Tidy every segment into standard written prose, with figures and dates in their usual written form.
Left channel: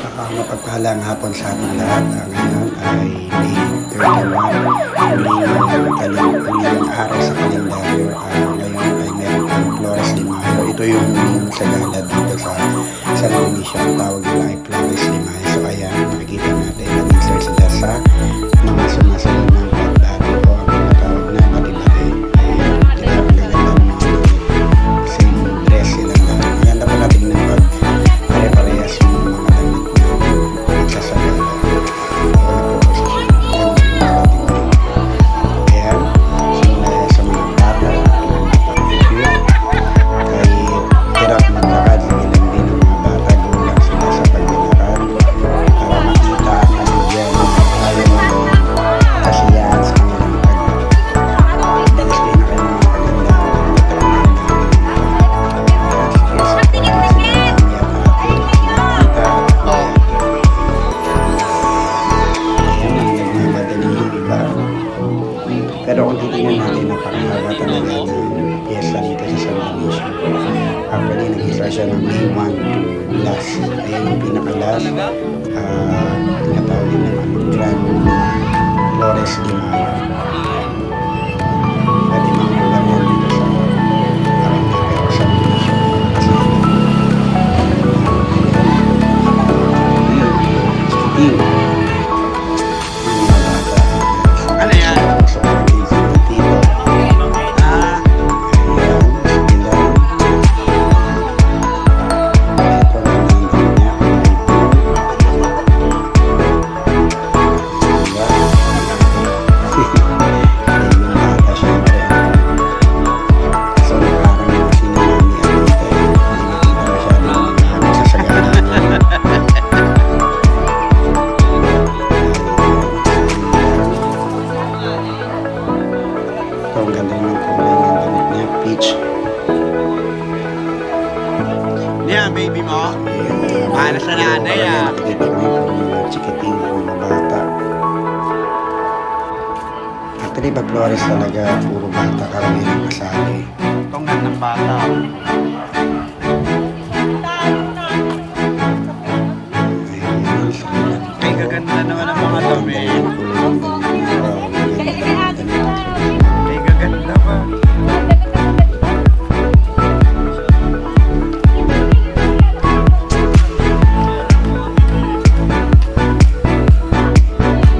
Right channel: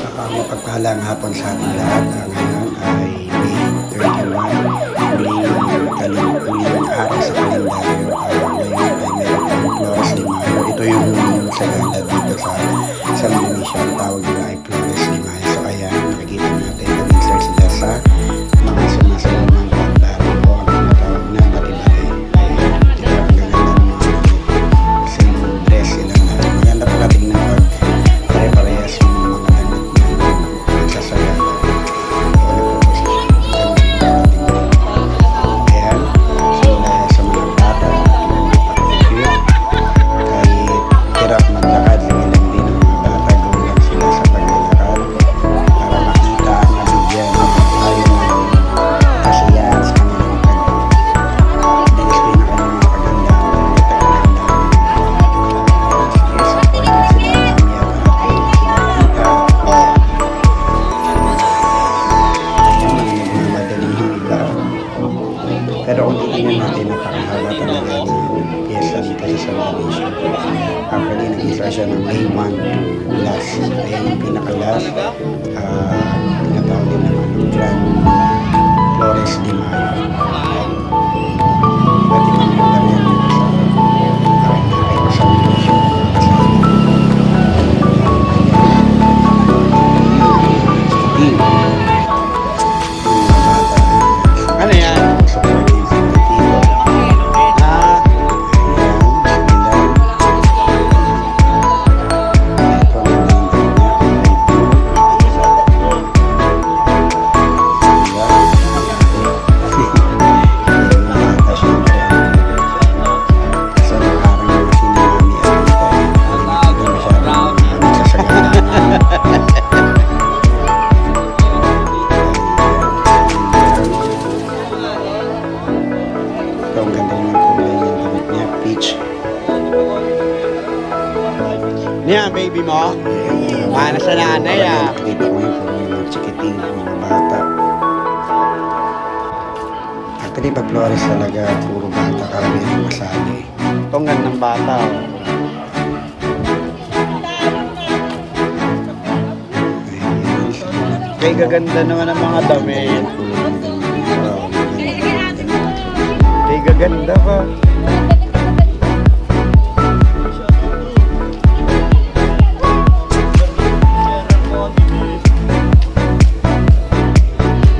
Mapagpahalang hapon sa ating lahat. Ngayon ay May 31, huling araw sa kalendaryo. Ngayon ay meron tayong Flores de Mayo. Ito yung huling sagala dito sa San Dionisio. Ang tawag nila ay Flores de Mayo. So ayan, nakikita natin nag-insert sila sa mga sumasayaw ng pagdari o ang tinatawag na bati-bati. Ayan, diba ang gaganda ng mga damit. Same dress silang lahat. Maganda pala tingnan pag pare-parehas yung mga damit na magsasagala o nagpo-posisyon. Maganda yung marating din. Ayan, simula sa mga bata na napaka-cute. Kahit hirap maglakad, sige lang din ng mga bata, go lang sila sa paglalakad para makita at nabigyan tayo ng kasiyahan sa kanilang pag-display na kanilang mga kagandahan, damit at kagandahan. Sige, supporting sila mami at ate, sila tita at kuya. Ayan, mga nagmamadali yung iba. Pero kung titingnan natin, napakahaba talaga ng piyesta dito sa San Dionisio. Actually, nag-isa siya ng May 1 to last. Ayan yung pinaka-last. Tinatawag din ng Grand Flores de Mayo. Iba't ibang lugar yan dito sa Paranaque o San Dionisio. Kasama. Ayan. Yung mga bata. Ano yan? Supporting sa mga tito. Ayan. Sila. Ito ang nandang niya. Kulay blue. Sila. Yung bata syempre. Kaso nakarang mga sinamami at tita. Hindi makita masyadong mga nagsasagana. Ito ang ganda ng kulay ng damit niya, peach. Yan, baby mo. Ayan, Nasa nanay, Parang ah. nakikita mo yun, puro mga chikiting, mga bata. Actually, pag Flores talaga, puro bata, karamihan ang kasali. Tungan ng bata. Ayan, sige lang. Ay, gaganda naman ang mga Ang damit. ganda ng kulay ng damit niya. Wow, ang ganda ng damit at traditional. Ay, gaganda pa.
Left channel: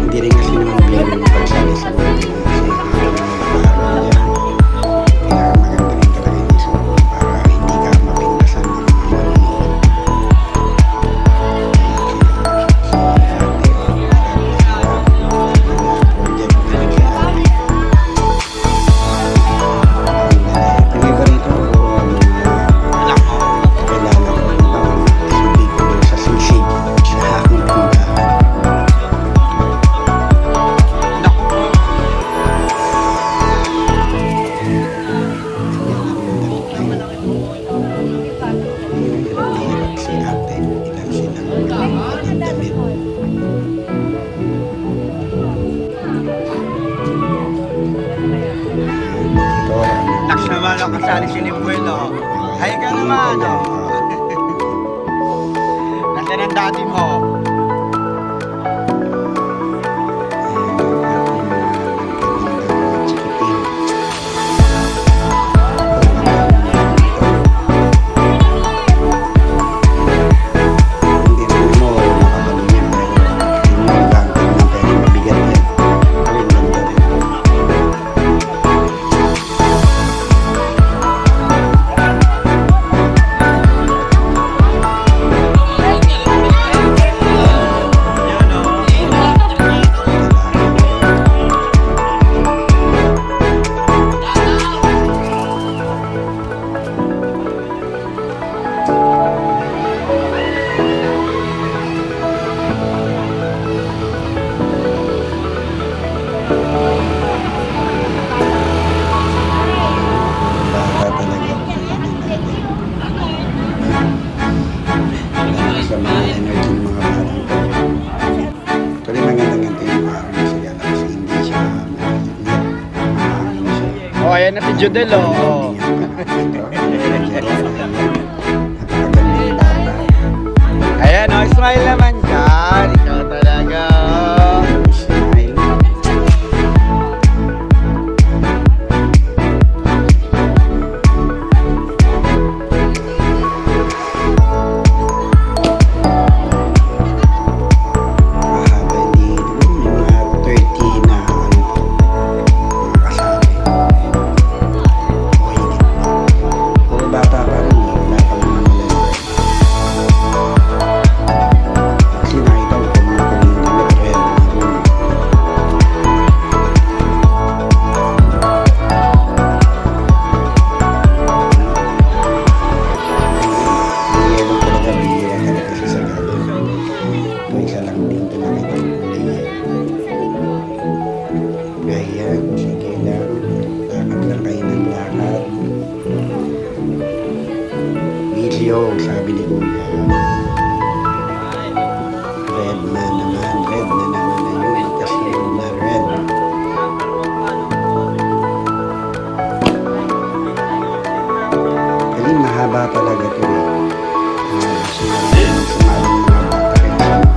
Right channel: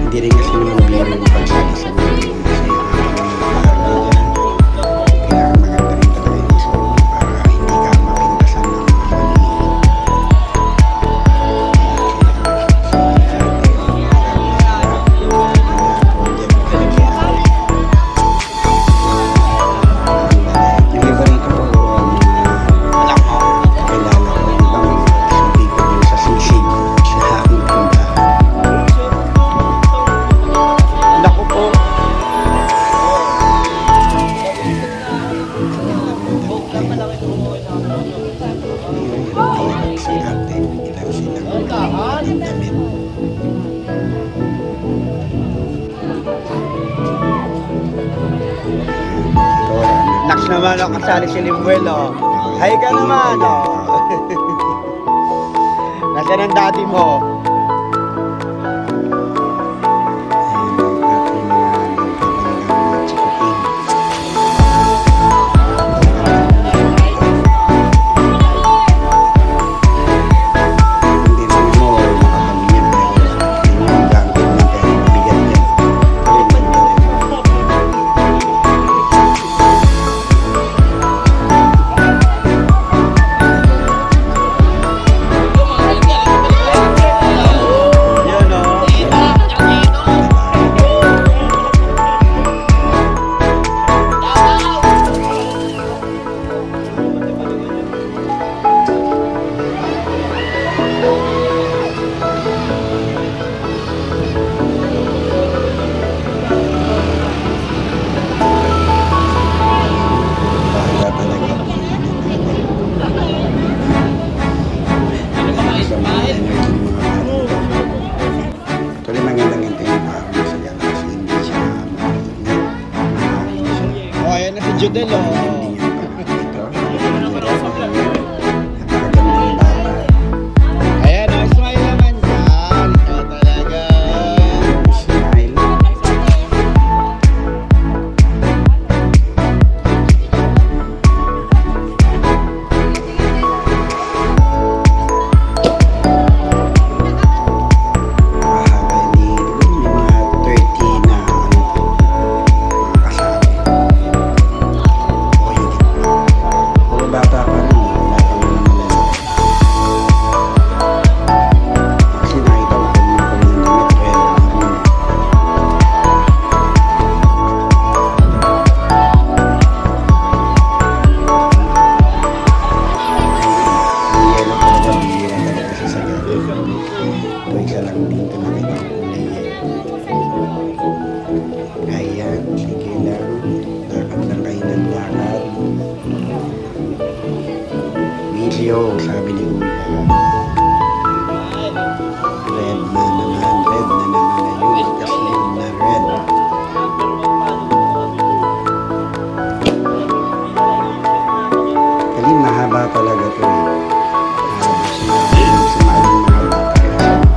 Hindi rin kasi naman biro yung pagsali sa mga ganyan kasi habang nalakaran niya dyan, pinakamaganda rin talaga yung isuot mo para hindi ka mapintasan ng mga maninood. Si ate, project pa rin si ate. Yung iba rito, mga kakilala ko, yung iba mga subi ko dun sa sisig sa aking tindahan. Naku po. Hirap na hirap si ate. Ilan silang nagbubuhat ng damit. Ito, anak. Naks naman ang kasali si Limuel, oh. Hi ka naman. Nasaan ang daddy mo? Ayan ang ating mga gagandang mga chikiting. Ang ganda ng damit ito. Hindi naman mo nakabalo niya pero yun yung gangkod niya pero mabigat yan. Pero yung ganda rin. Yun, oh. Bata talaga. Tingnan natin. Lalakas sa mga energy ng mga bata ito. Actually, magandang ganito yung araw na sagala kasi hindi siya mainit. Mahangin siya. Oh, ayan na si Jodel, oh. Hindi niya pa ito. Ano na Jodel? Ayan. Napakagandang bata. Ayan, oh, smile naman hindi ito nakita ang kulay yan. Ayan, sige lang. Lakad lang kayo ng lakad. Video, sabi ni Kuya. Red na naman na yun. Kasi yun na red. Kasi mahaba talaga to eh. Mahaba siya yung sumaling mga bata kaya sa mga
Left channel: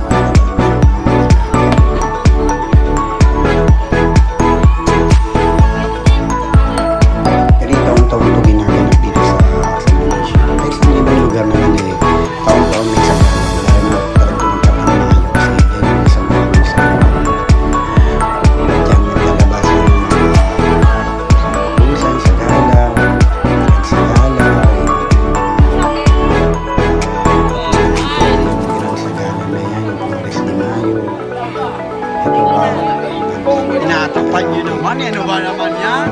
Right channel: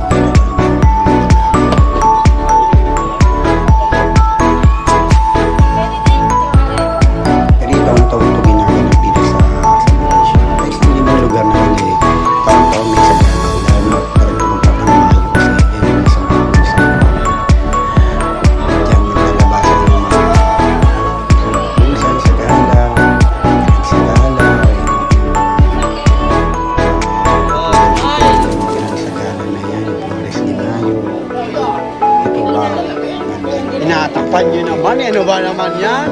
pero taon-taon ito ginaganap dito sa Malaysia. Kahit sa ibang lugar naman eh, taon-taon may sagala. Lalo na talagang tumagkat ang Mayo kasi yan yung isang pag-uusap. Diyan naglalabasan yung mga pag-uusan, sagala, sagala, yung ginasagala na yan, yung Flores de Mayo. Ito wow. Tinatapan nyo naman eh. Ano ba naman yan?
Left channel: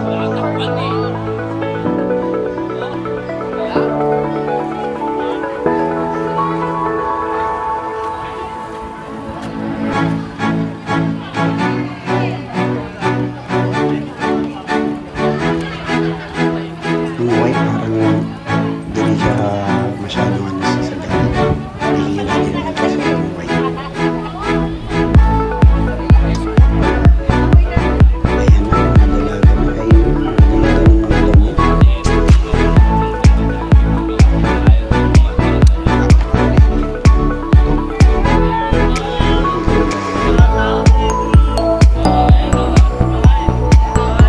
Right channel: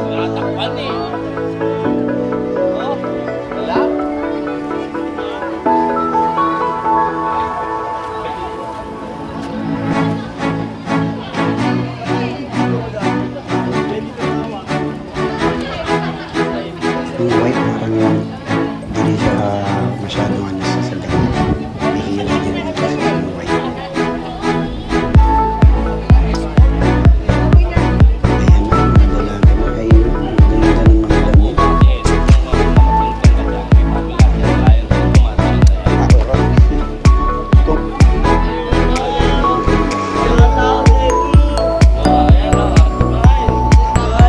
Yung white parang hindi siya masyadong ano sa sagala. Bihira din naman siya sa yung white. Ayan na, mga dalaga na. Ayun, ang ganda ng mga damit.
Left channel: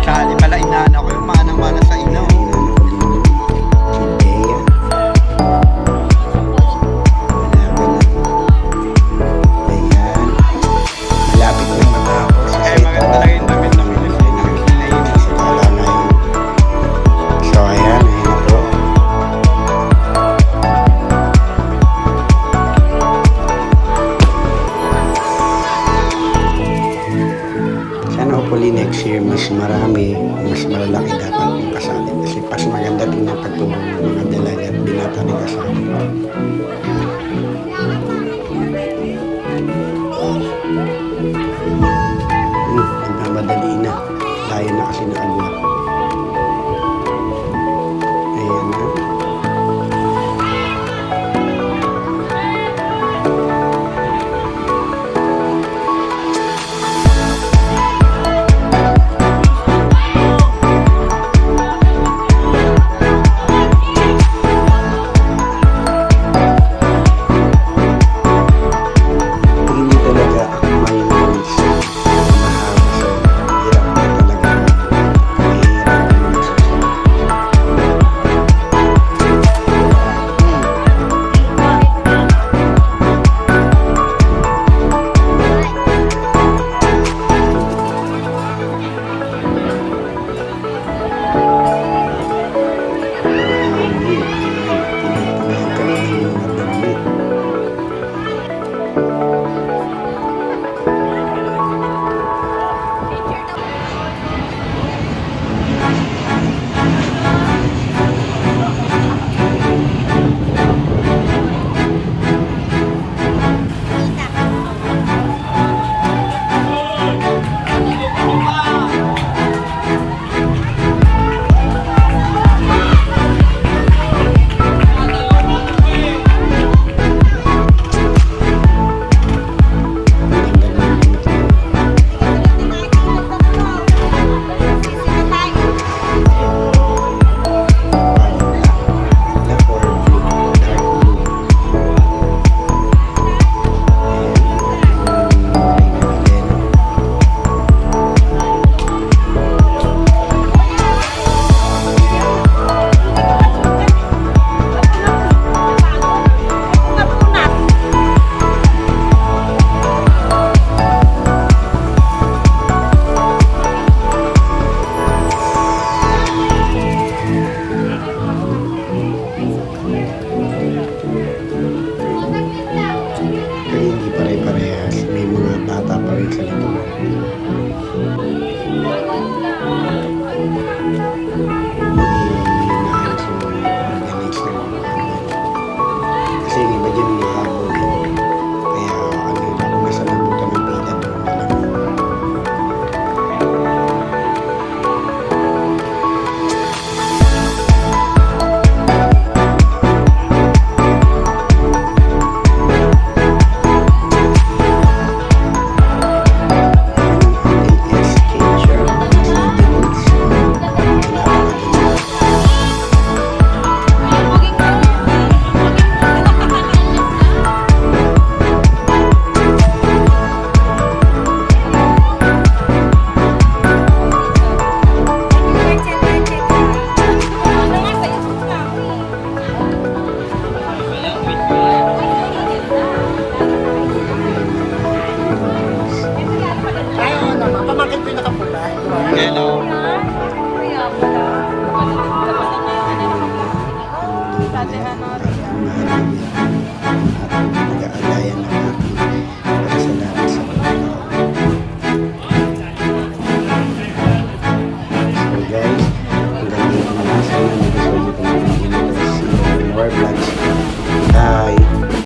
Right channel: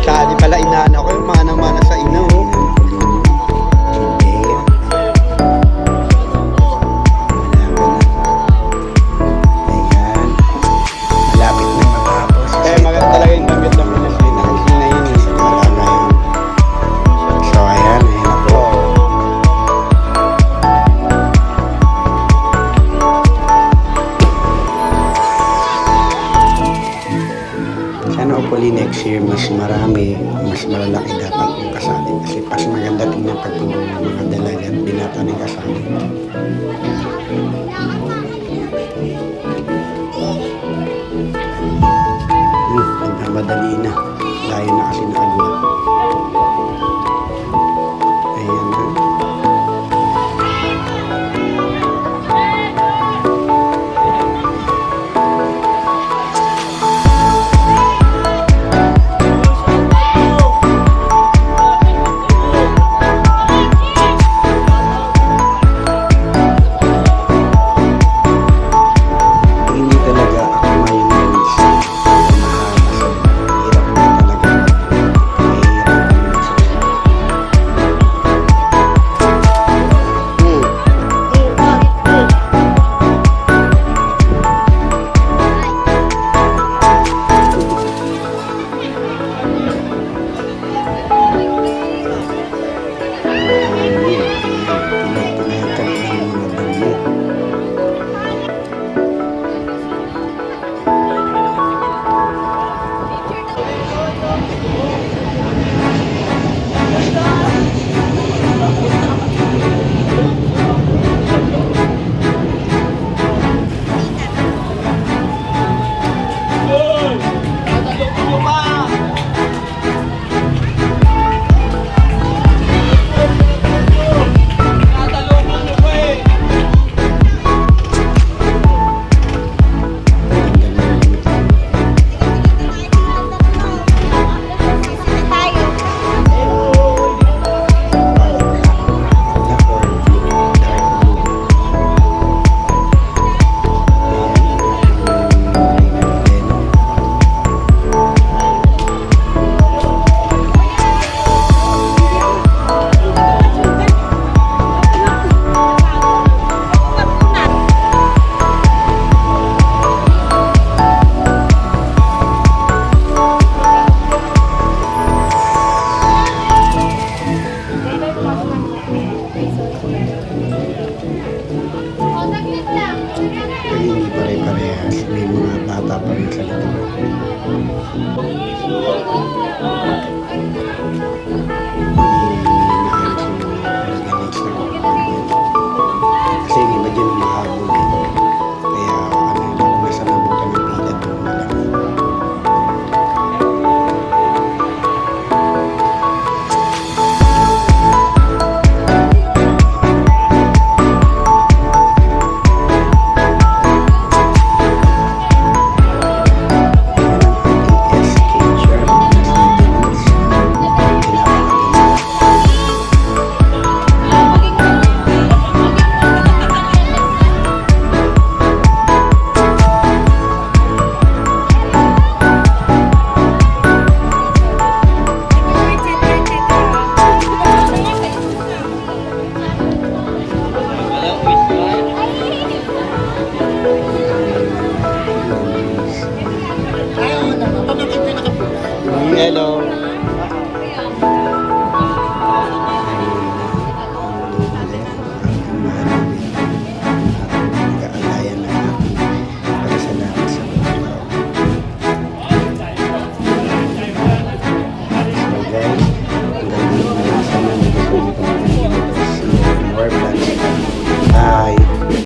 Kali pala inaana ko yung mana-mana sa ina. Ayan, inaan ko din yun. Si Bea. Dalaga na. Ayan. Malapit na matapos. Kasi Kaya ito, maganda talaga yung damit ng malaki na yun. Sagala ngayon. So, ayan na po. Sana hopefully next year mas marami, mas malalaki dapat yung kasali. Kasi pas maganda tingnan pag puro mga dalaga at binata ng kasali. Nagmamadali na. Layo na kasi naagwat. Ayan na. Pag hindi talaga ako mayong bansa, mahaba so hirap na talaga mahirap yung magsusunod. Mahangin, ayan, tinatanggal ng mga damit. Pero hindi pare-parehas. May mga bata pa rin sa likuran. Hindi naayos yung organize ng mga. Kasi yung iba dyan yung mahabol eh.